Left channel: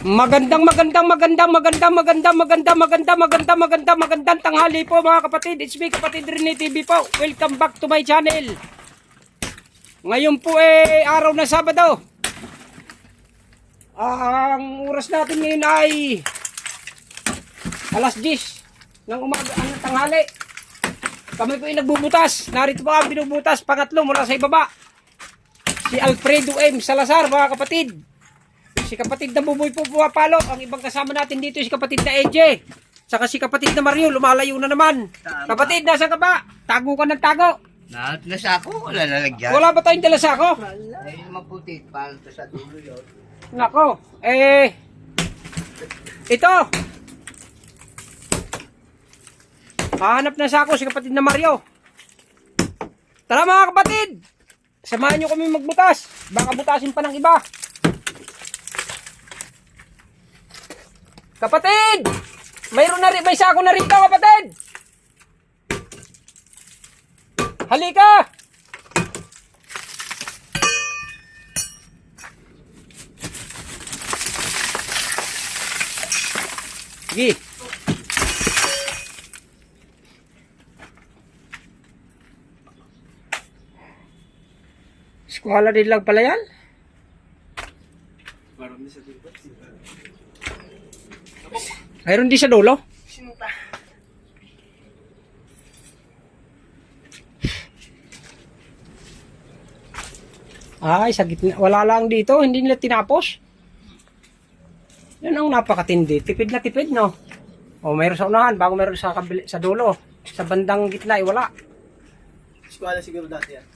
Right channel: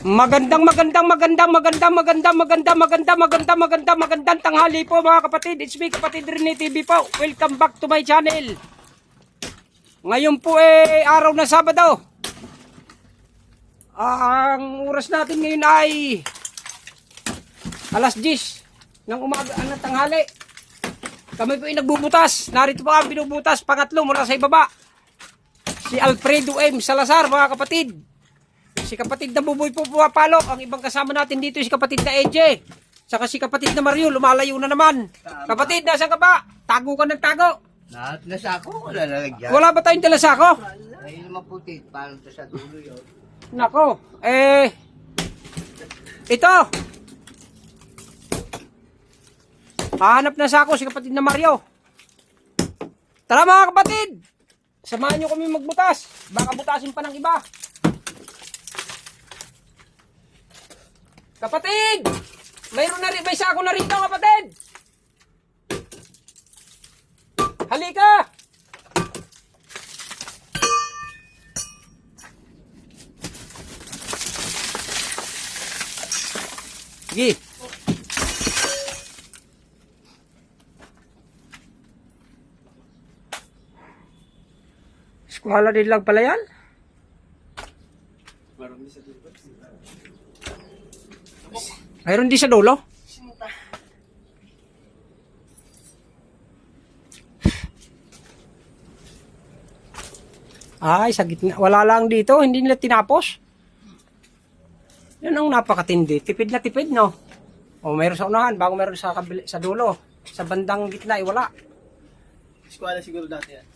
Magandang tanghali po mga kapatid. It's me, Kapatid Rene TV po. Welcome back to my channel. Ngayon po araw na Sabado. Ang oras natin ngayon ay alas 10 ng umaga ng tanghali. Kami po ay nagbubutas. Narito po ang binubutas, pangatlo mula sa ibaba. Si Alfredo M. Salazar mga kapatid. Si kapatid na Buboy po pumapalo. Ang ibang kasama natin dito si kapatid na Eje. Saka si kapatid na Mario, lumalayo na naman. Tama. Kapatid, nasa ka ba? Tago ka ng tago. Lasako, wala lalagyan. Wala ba tayong dalasako? Ay, maputi, para sa dulo yun. Nako, ito. Hahanap na sako si kapatid na Mario. Tara mga kapatid. Samahan nyo kami magbutas. Baka butasin pa ng iba. Kapatid! Mayroon na rin, may sako na rito, kapatid! Halika! Sige. Eskwala din lang pala yan? Mayroon din sa dulo? Ay, sa gitna. Wala lang dito. Hindi nila tinapos. Yan ang napakatindi. Tipid na tipid, no? O, mayroon sa unahan. Bago mayroon sa dulo. Sa bandang gitna, wala. Eskwala siguro dati yan.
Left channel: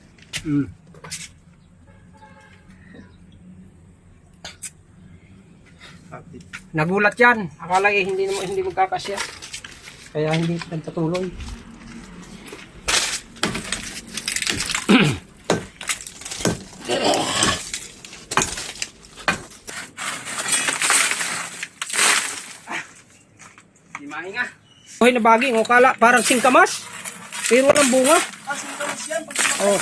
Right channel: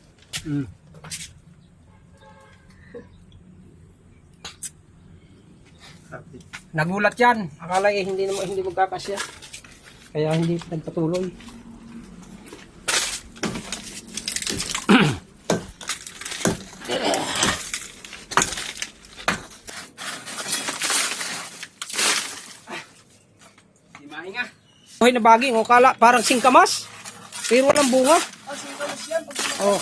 Nagulat yan. Akala hindi magkakasya. Kaya hindi nagpatuloy. Di mahinga. Hoy na baging, kala parang singkamas. Pero walang bunga. Ah, singkamas yan. Oh.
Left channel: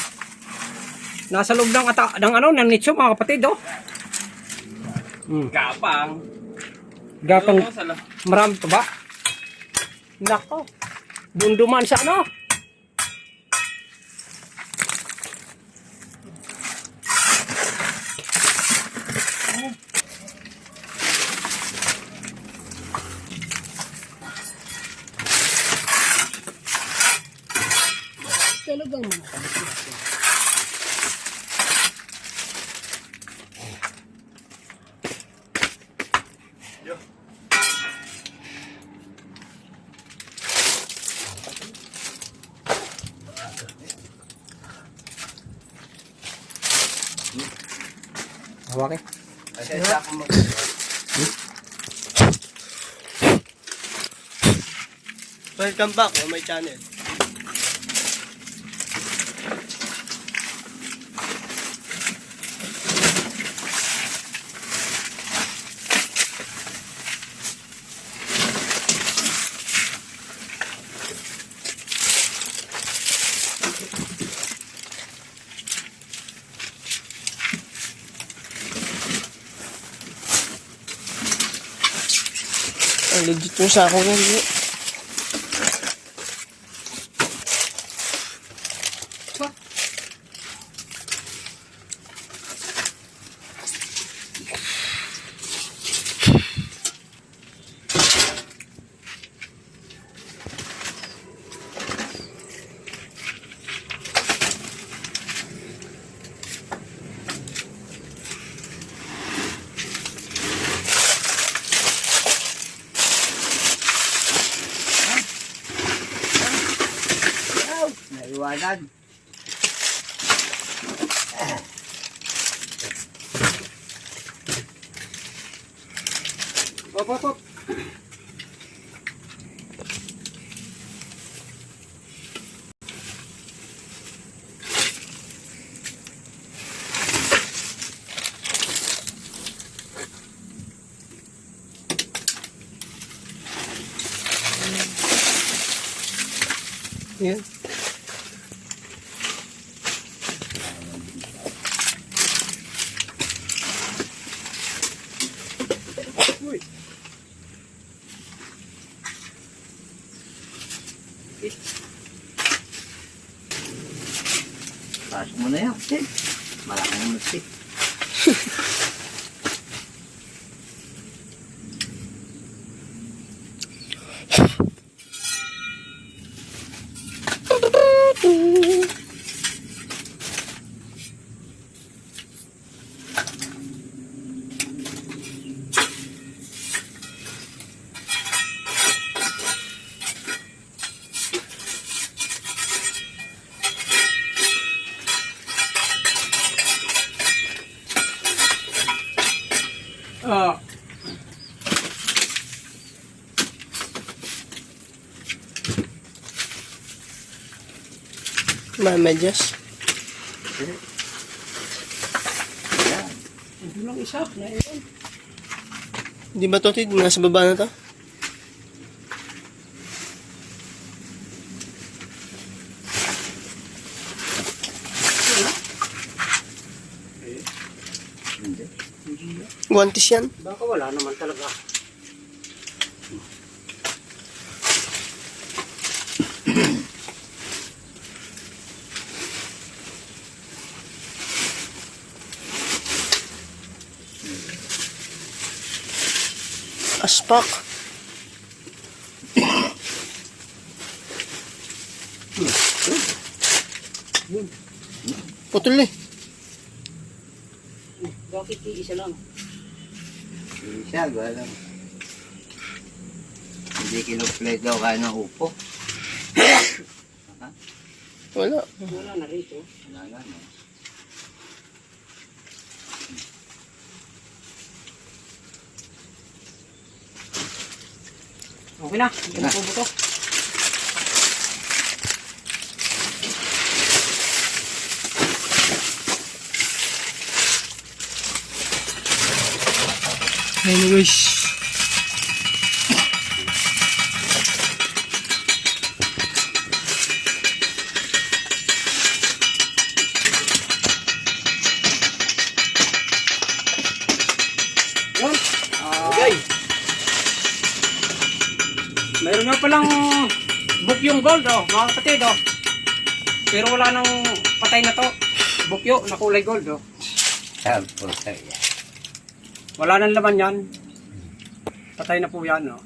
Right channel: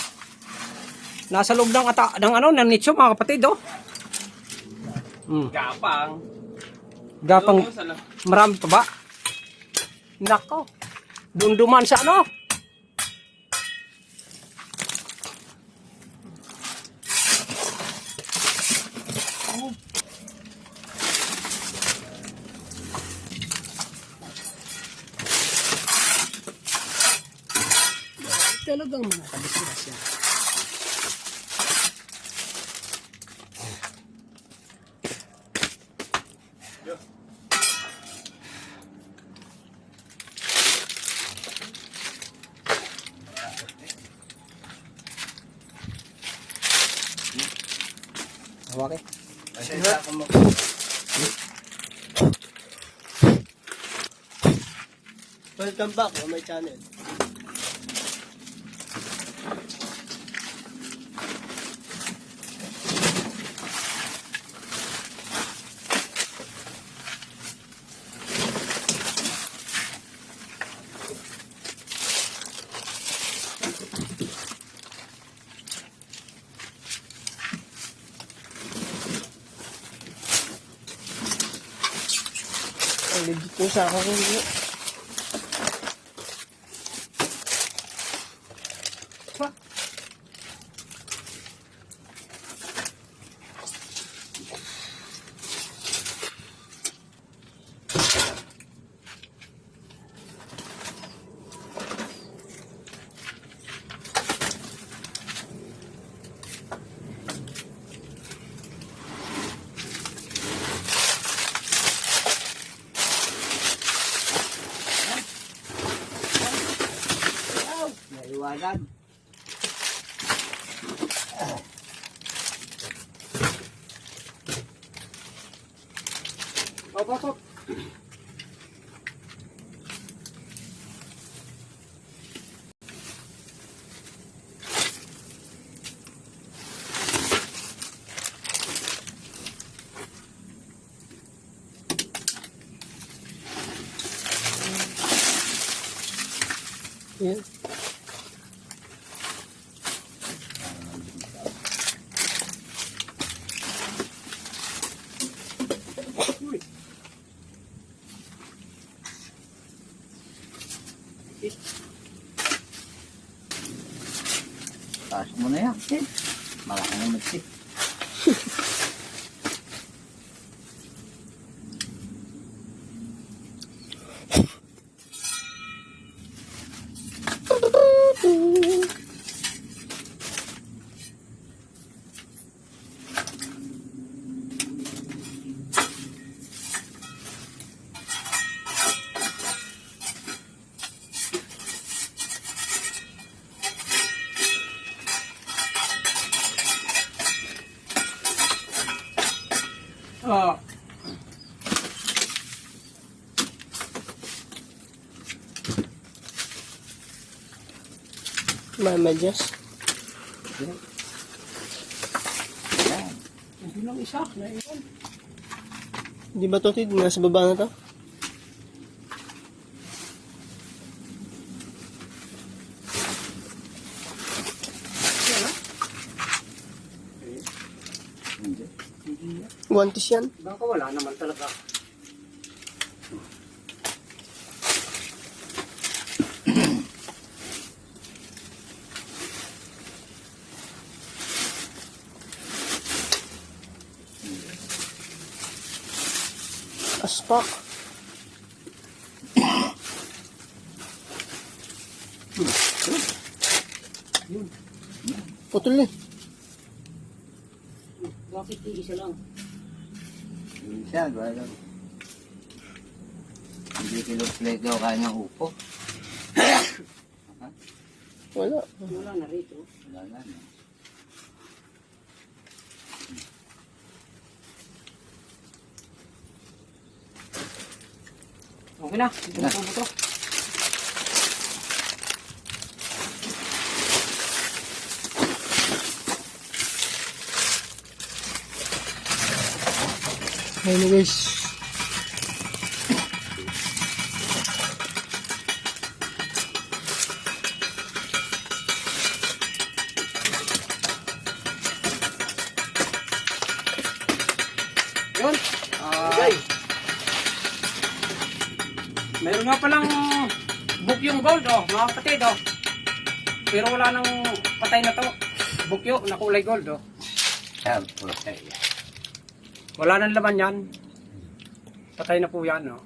Nasa loob ng nitso mga kapatid, oh. Gapang. Gapang. Marami pa ba? Nako. Dunduman sa ano? Talagang mga kabisiras yan. Okay. Kasi ako mo. Welcome back on my channel. Ang legit yung sako ko. Naiwanan. Op. Yan. Malaki naman si. Oh. Medyas. Ito lang isa. Na yun. Di ba to, Tid? Nasa baba na to? Hindi. Guantes yan. Baka wala naman talaga. Aspak. Putol eh. Bakit isa lang? Hindi siya, galang. Hindi kinuplate daw kaya ng upo. Wala. Wala na rito. Wala na, no? Okay na. Ito na po to. Anyways. Yun. Okay. Mayroon nga palang bukyong gold, oh, mga kapatid, oh. Pero wala nang patay na to. Bukyo na kulay gold, oh. Tapos, yan. Wala nang laman yan. Patay na po yan, oh.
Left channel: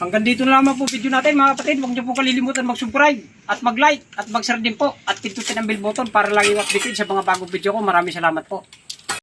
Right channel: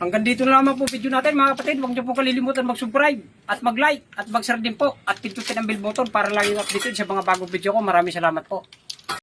Hanggang dito na lamang po video natin, mga kapatid. Huwag niyo po kalilimutan mag-subscribe at mag-like at mag-share din po at pindutin ang bell button para lagi updated sa mga bagong video ko. Maraming salamat po.